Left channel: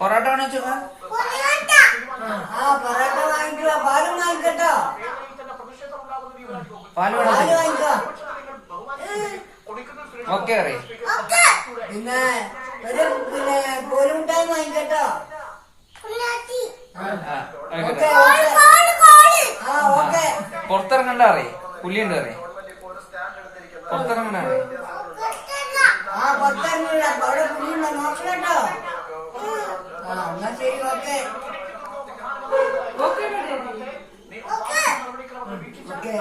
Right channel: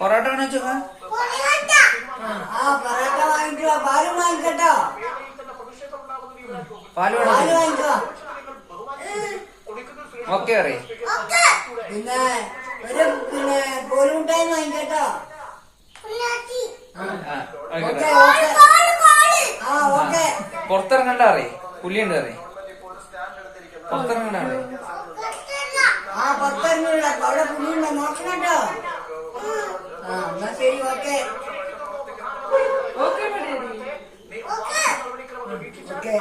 പൊറോട്ട വേണോ ചോക്കാം? പൊറോട്ട വാങ്ങിക്കോ, പാലും വാങ്ങിക്കട്ടോ. പാല് വേണോ? വാങ്ങിക്കോ. ഓക്കെ പറയും. പിന്നെ കോലുമുട്ടായി വാങ്ങിക്കട്ടോ. പുറത്തിറങ്ങണ്ട അറിയ പുലിയുണ്ട് അറിയ പുറത്തിറങ്ങണ്ട അറിയ. പുറത്തിറങ്ങില്ല, അവിടെ പുലിയുണ്ടോ നോക്കണട്ടോ. എന്നാ ശരി, ഓക്കെ ഓക്കെ.